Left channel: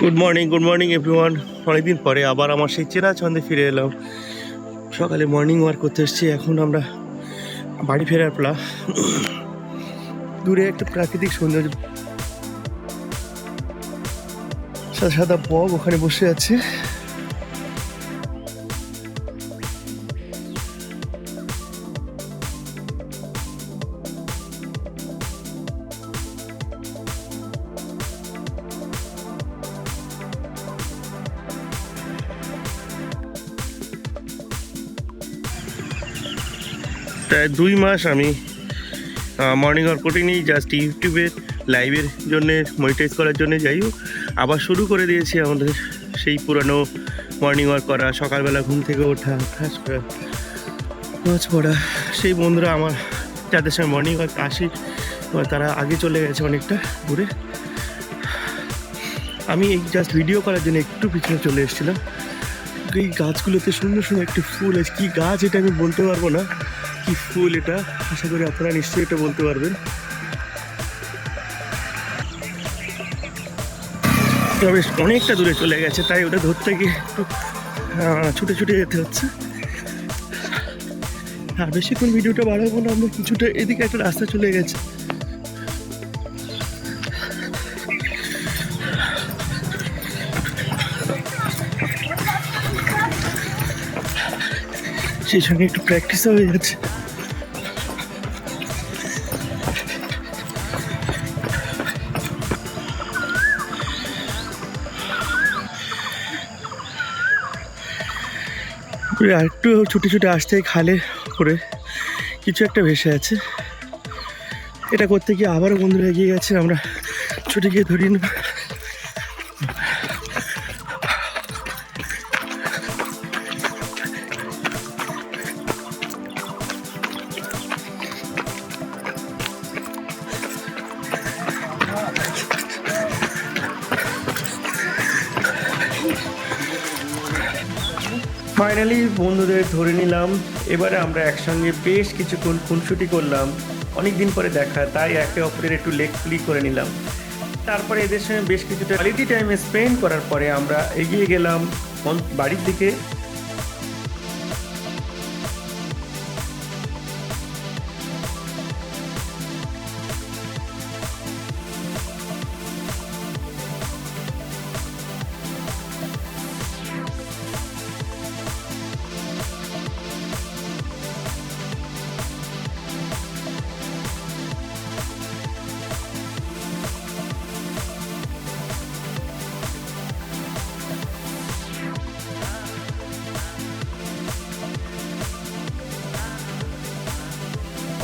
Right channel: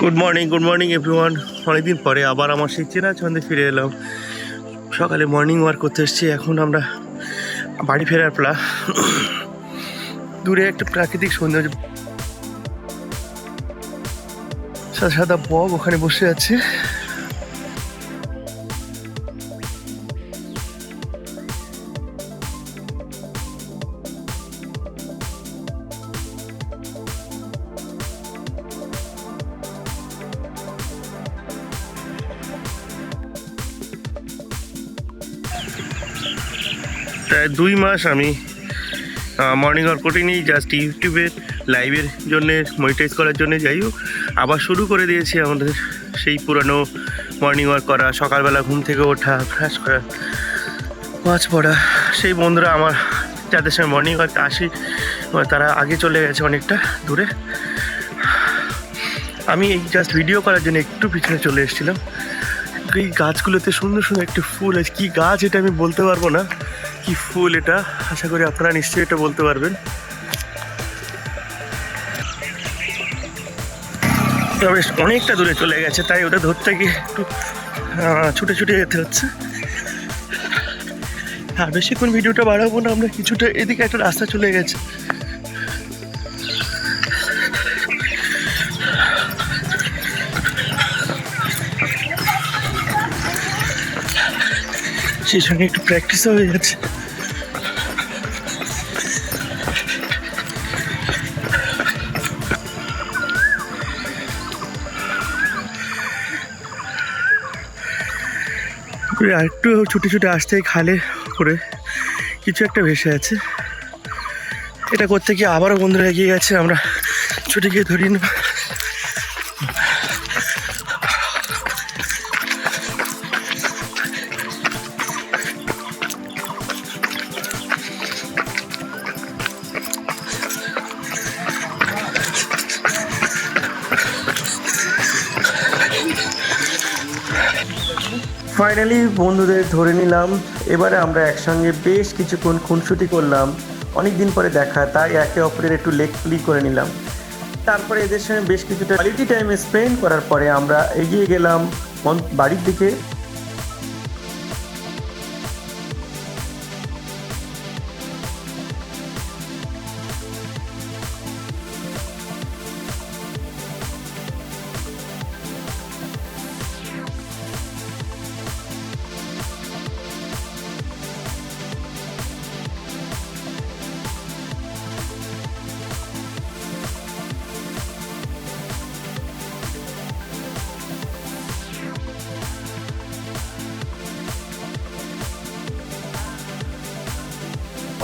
Good morning good morning everyone অনেকদিন পরে আবার আমার সেই চেনা ছন্দে ফিরে এলাম। সকালে মর্নিং ওয়াক করতে এসেছি। এখন আমরা বাড়ি ফেরার প্লা দূরে একটা প্রাকৃতিক সৌন্দর্য সাদা সাদা বগ ওখানে বসে আছে। প্রায় দুই মাস আমি মর্নিং ওয়াক করিনি জাস্ট ইউটিউবে লাইভের জন্যে মনিটাইজ করার জন্য যাই হোক, আবার শুরু করে দিয়েছি আমাদের সেই পুরানো মর্নিং ওয়াক করা, সকালবেলা ঘুম থেকে ওঠা ফ্রেশ করা, মাছ পড়া, সেই বন্ধুরা আমার, যাদের সঙ্গে মর্নিং ওয়াক আসি তারা আগে চলে গেছে অনেকটা দূরে, আমি এই জাস্ট ভিডিও করার জন্য একটু পিছনে চলে এসেছিলাম। এই গাছগুলোতে সুন্দর সুন্দর একটি ফুল আছে, কী গাছ এটা আমি বলতে পারব না। কি ফুল এটা? আশা করি আপনারা নিশ্চয়ই এটা বলতে পারবেন। তবে অনেকটা দূরে চলে গেছে, তাই ওটা ধরতে গিয়ে একটু ছুটে ছুটে যেতে হচ্ছে। আর বেশিক্ষণ ভিডিওটা বাড়াবো না, আমরা কিছুটা এদিকে একটা রাস্তা চলে গেছে। সেই সঙ্গে একটু প্র্যাকটিসও হয়ে যাচ্ছে। করে আরেকটু ছুটে ছুটে আসতে খালে করে। কিছু একটা ভেসে আছে। এটা করতে গিয়ে আবারও বন্ধুরা এগিয়ে গেছে, আমরা ছুটে গিয়ে ধরি না ফাইনালি বন্ধুদের ধরে নিলাম। এবারে আমরা একসঙ্গে বেশ কিছুক্ষণ খুনসুটি করলাম। অনেক দিন পরে দেখা, তাই একে অপরের একটু লেগ প্লি করে নিলাম। তারপরে এদের সঙ্গে বেশ কিছুটা কোয়ালিটি টাইম স্পেন্ড করার পরে আমরা এগিয়ে গেলাম। বাড়ির দিকে।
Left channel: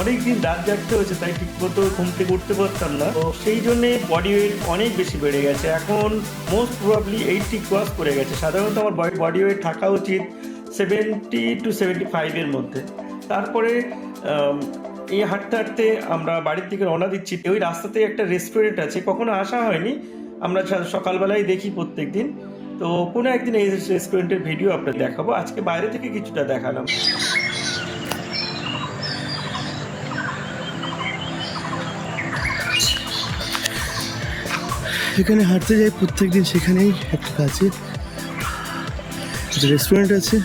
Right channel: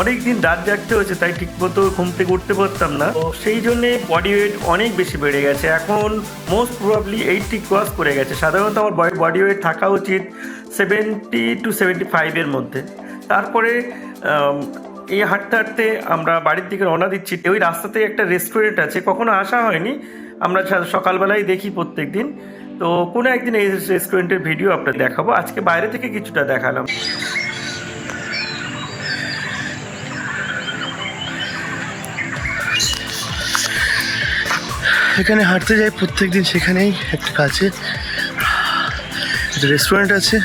অনেক দিন রাত জাগতে হয়েছে, তাই ঠিক মতো ঘুম থেকে উঠতে পারতাম না। তো সেই জন্যে বডি ওয়েট অনেক বেশি বেড়ে গেছে। এখন মোস্ট প্রবাবলি এইটটি ক্রস করে গেছে। সাধারণত আমার বডি ওয়েট থাকা উচিত সেভেন্টি টু সেভেন্টি ফাইভের মধ্যে। তারপরে এই হাঁটতে হাঁটতে আমরা বাড়ির দিকে রওনা দিচ্ছি। ওই রাস্তাতে একটা রেস্টুরেন্ট আছে, কখনো আসা হয়নি। আমরা সকালবেলায় দেখি প্রত্যেক দিন তো কোনো একদিন এই রেস্টুরেন্টের ভিডিও আপনাদের দেখাবো। আজকে বাইরে থেকে কিছুটা দেখালাম। এখানে হাঁটতে যাই প্রত্যেক দিন সেখানেই একটা কাছে। রেস্টুরেন্ট আছে।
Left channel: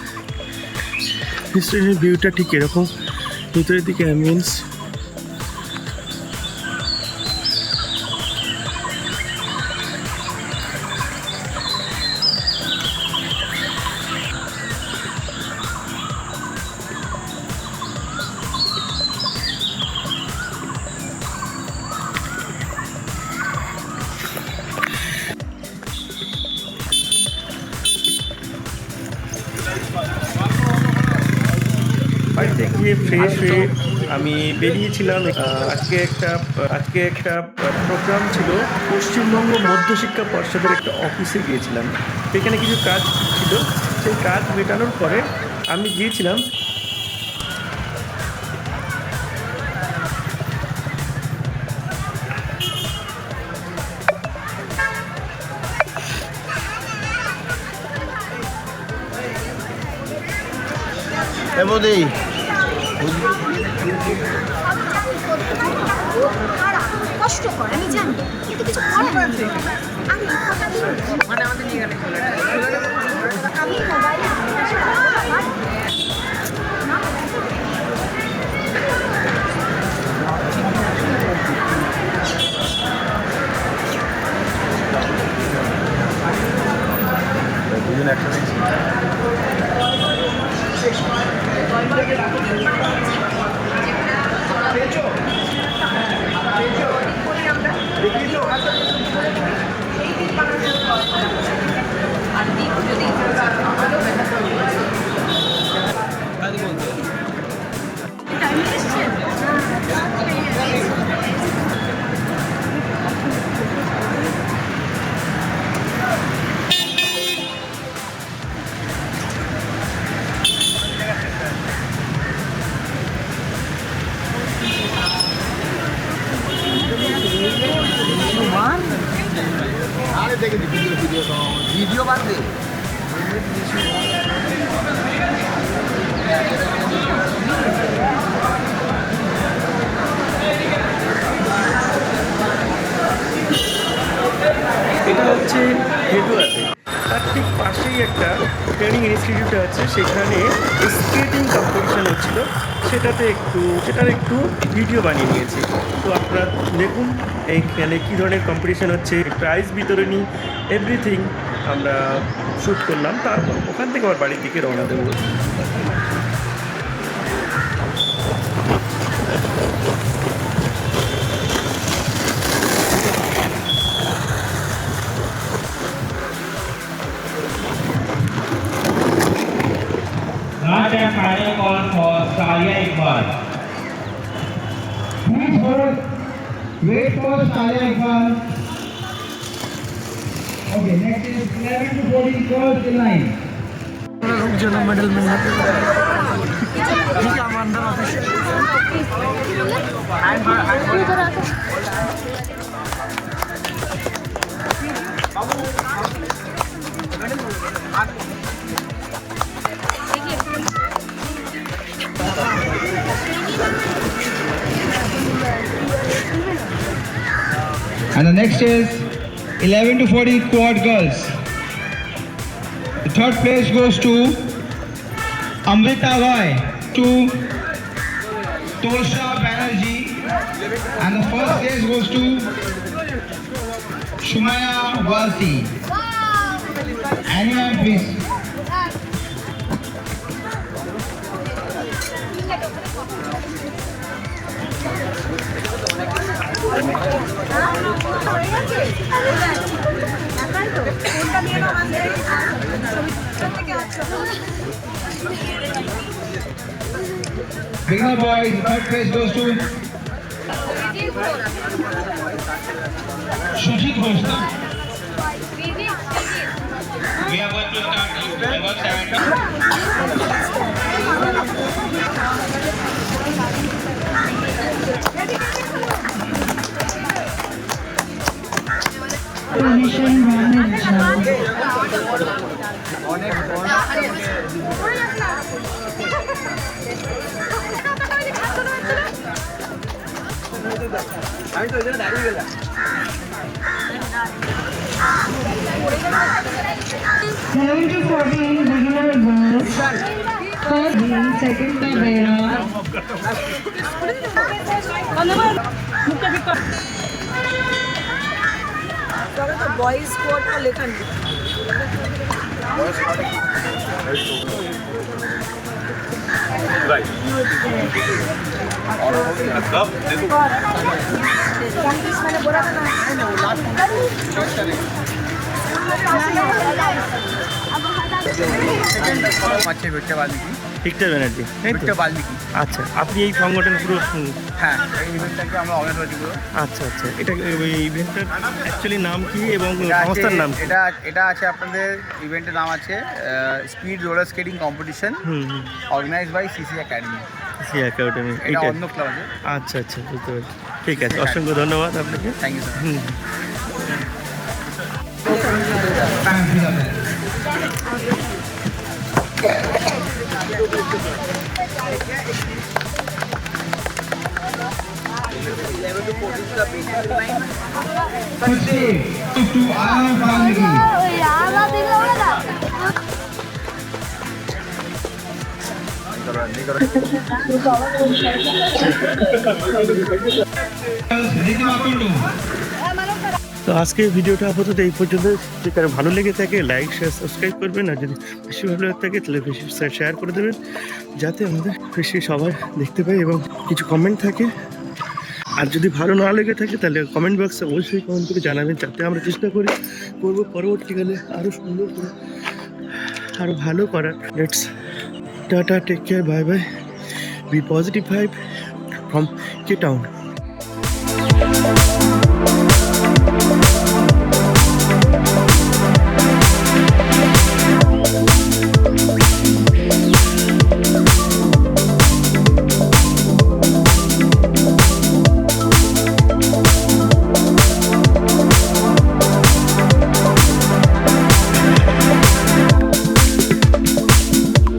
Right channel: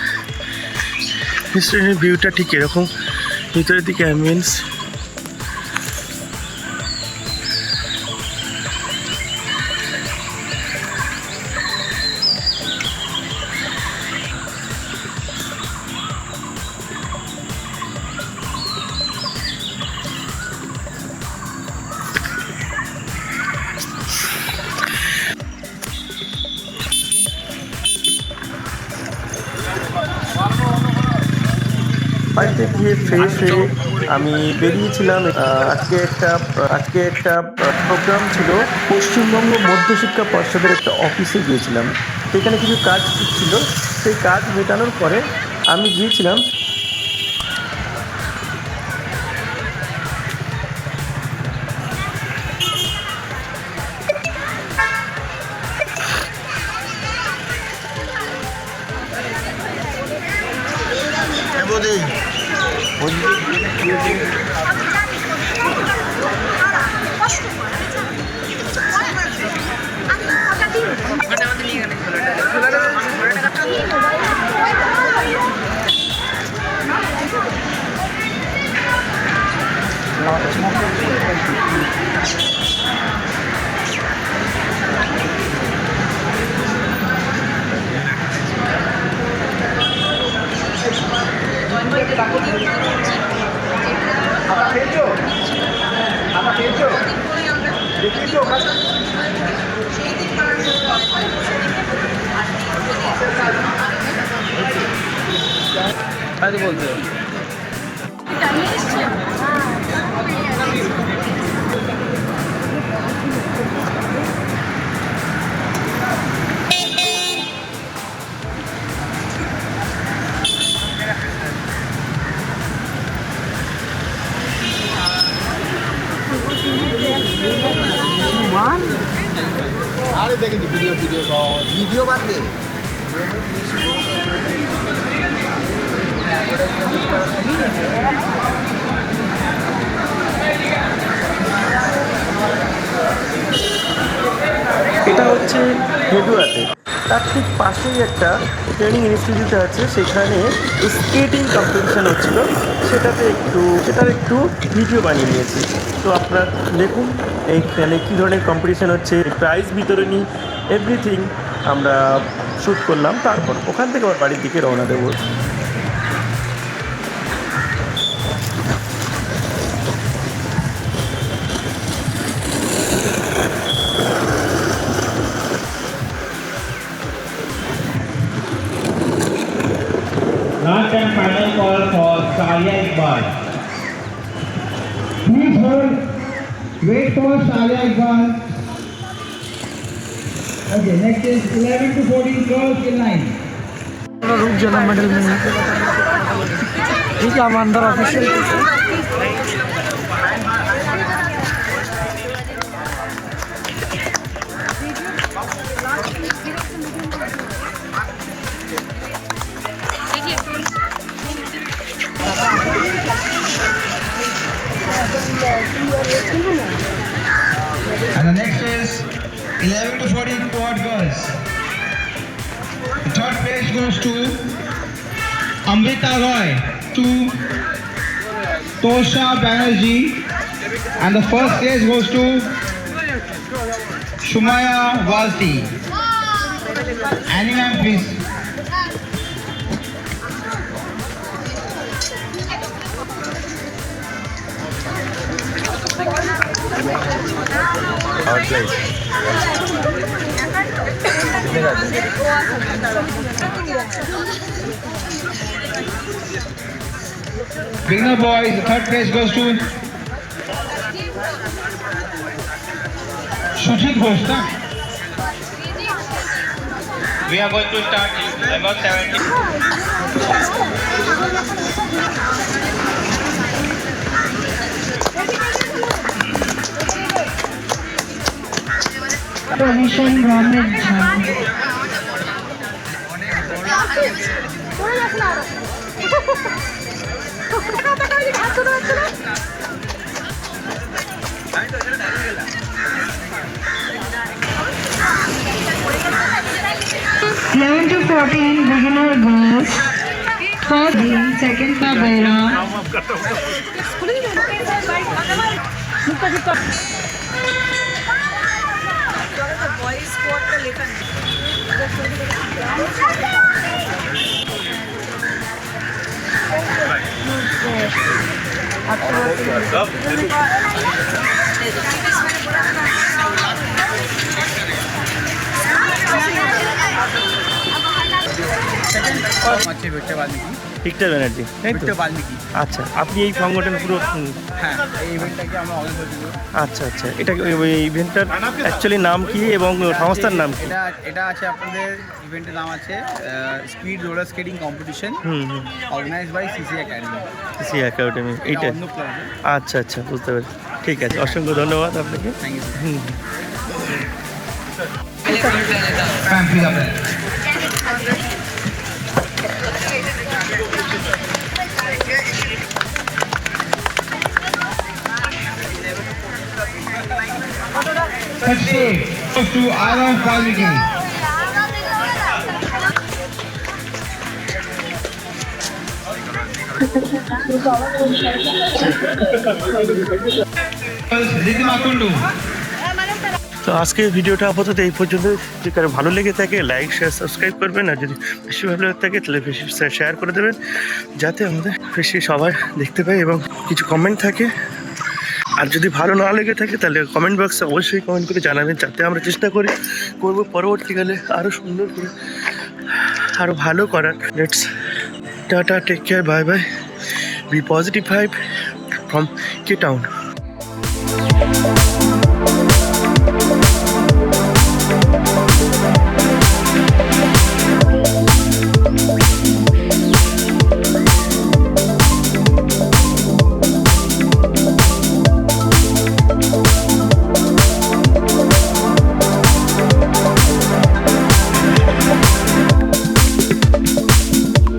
রেস্টুরেন্টের ভিউটা ঠিক এরকম। ভিতরের দিকে অ্যাম্বিয়েন্স গিয়ে ফ্রেশ আমি বেরিয়েছিলাম আজকে একটা আজকে একটা প্রোগ্রাম ছিল। পশ্চিমবঙ্গ মধ্যশিক্ষা পর্ষদের একটা অফিসে গিয়েছিলাম। সেখানে কিছু কাজ ছিল। সেই কাজ মেটানোর পরে আমি গিয়েছিলাম। কষ্ট Thank you. ভিডিও বাদ এটা হচ্ছে হেডুয়াতে। তার ঠিক পাশেই একটা ট্রেনিং ইনস্টিটিউট আছে, সেখানে স্কেটিং কম্পিটিশান হচ্ছিল। সেটাতে একটু, সেটার একটু ভিডিও বানিয়ে নিয়েছি। তো আপনারা দেখুন এইখানে কী ধরনের কম্পিটিশান হচ্ছে প্রাইজ বিতরণী এভরিথিং আমরা শ্যুট করলাম, তারপর ওখান থেকে আবার বাড়ির দিকে রওনা দেবো। तालियाँ एक बार। Please hold wait for Alia एक बार okay next is 11 two 14 girls की लाइन रुक जाना मेडल में ठीक है हम अंदर official 11 to 40 quad girls. The third place goes to Amrita Roy, to Tosha Banerjee. And the first place goes to Shumaya Walti. Annie ma'am, please. Beginner boys, the third place goes to Sujit Ghosh. We are going to start level 70. Permission government job. Eleven to fourteen beginner girls. First being second Tabera. চলো না boys স্কোয়াডটা লেখা নেই। মানে আছে Victor Valmiki. Victor Banerjee. তাই তো? Victor Valmiki. আচ্ছা আপনি এই সংগঠন পুরো হুম, হ্যাঁ এই ইভেন্টটাকে আমরা আচ্ছা আচ্ছা এটা এই ইভেন্টটার অ্যাকচুয়ালি নাম কি এবং সংস্থার নাম এটা এটা আছে আপনাদের ইভেন্টের নাম আছে স্পিড রোলার স্কেটিং কম্পিটিশন হুম হুম। Organize by CC academy C academy এটা এইটা অন্য ক্লাব আছে। আচ্ছা আচ্ছা বুঝতে পেরেছি। ঠিক আছে অসংখ্য ধন্যবাদ আপনাকে। থ্যাংক ইউ হুম। তো আজকের ভিডিওটা আপাতত এই পর্যন্ত যদি তার ভালো লেগে থাকে লাইক শেয়ার সাবস্ক্রাইব করবেন। আর যদি বেশি ভালো লেগে থাকে, তাহলে বেশি শেয়ার করে দেবেন। যাতে আমাদের বেশি সবাই দেখতে পাই এবং কিছু কমেন্ট থাকে। আর যদি ভালো না লেগে থাকে তাহলে কমেন্ট বক্সে অবশ্যই কমেন্ট করে জানাবেন, যাতে আমরা চেষ্টা করি, করব পরবর্তীকালে আরও সুন্দর করে আরও ভালো করার। Let's tata take care bye bye be positive five from K town